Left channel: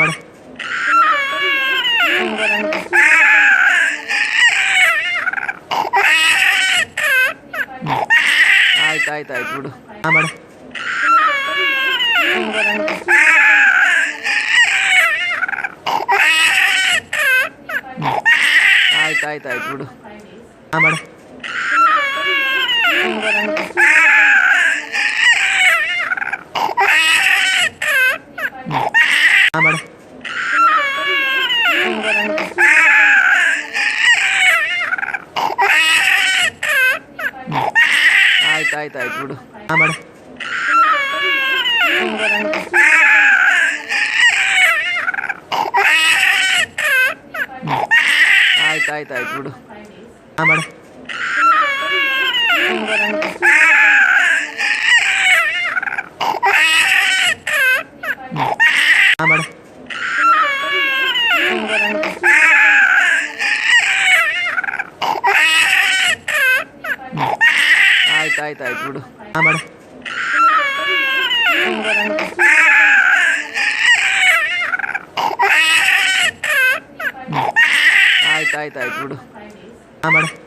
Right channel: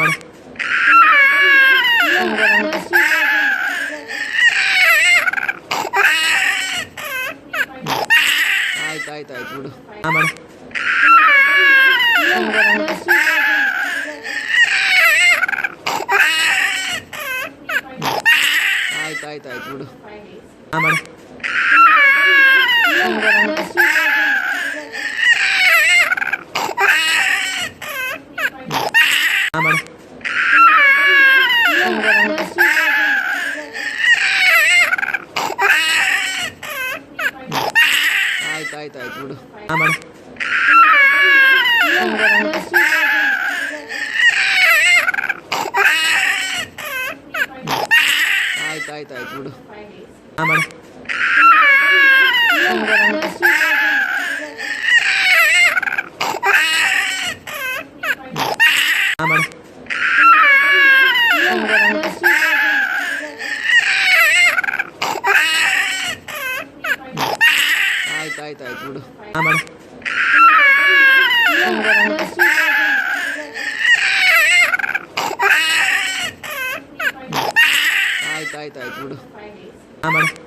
ಮಾಡು. ಆಯ್ತು ಬಿಡು. ಮಾಡು. ಆಯ್ತು ಬಿಡು. ಮಾಡು. ಮಾಡು. ಆಯ್ತು ಬಿಡು. ಮಾಡು. ಆಯ್ತು ಬಿಡು. ಮಾಡು. ಮಾಡು. ಆಯ್ತು ಬಿಡು. ಮಾಡು. ಆಯ್ತು ಬಿಡು. ಮಾಡು.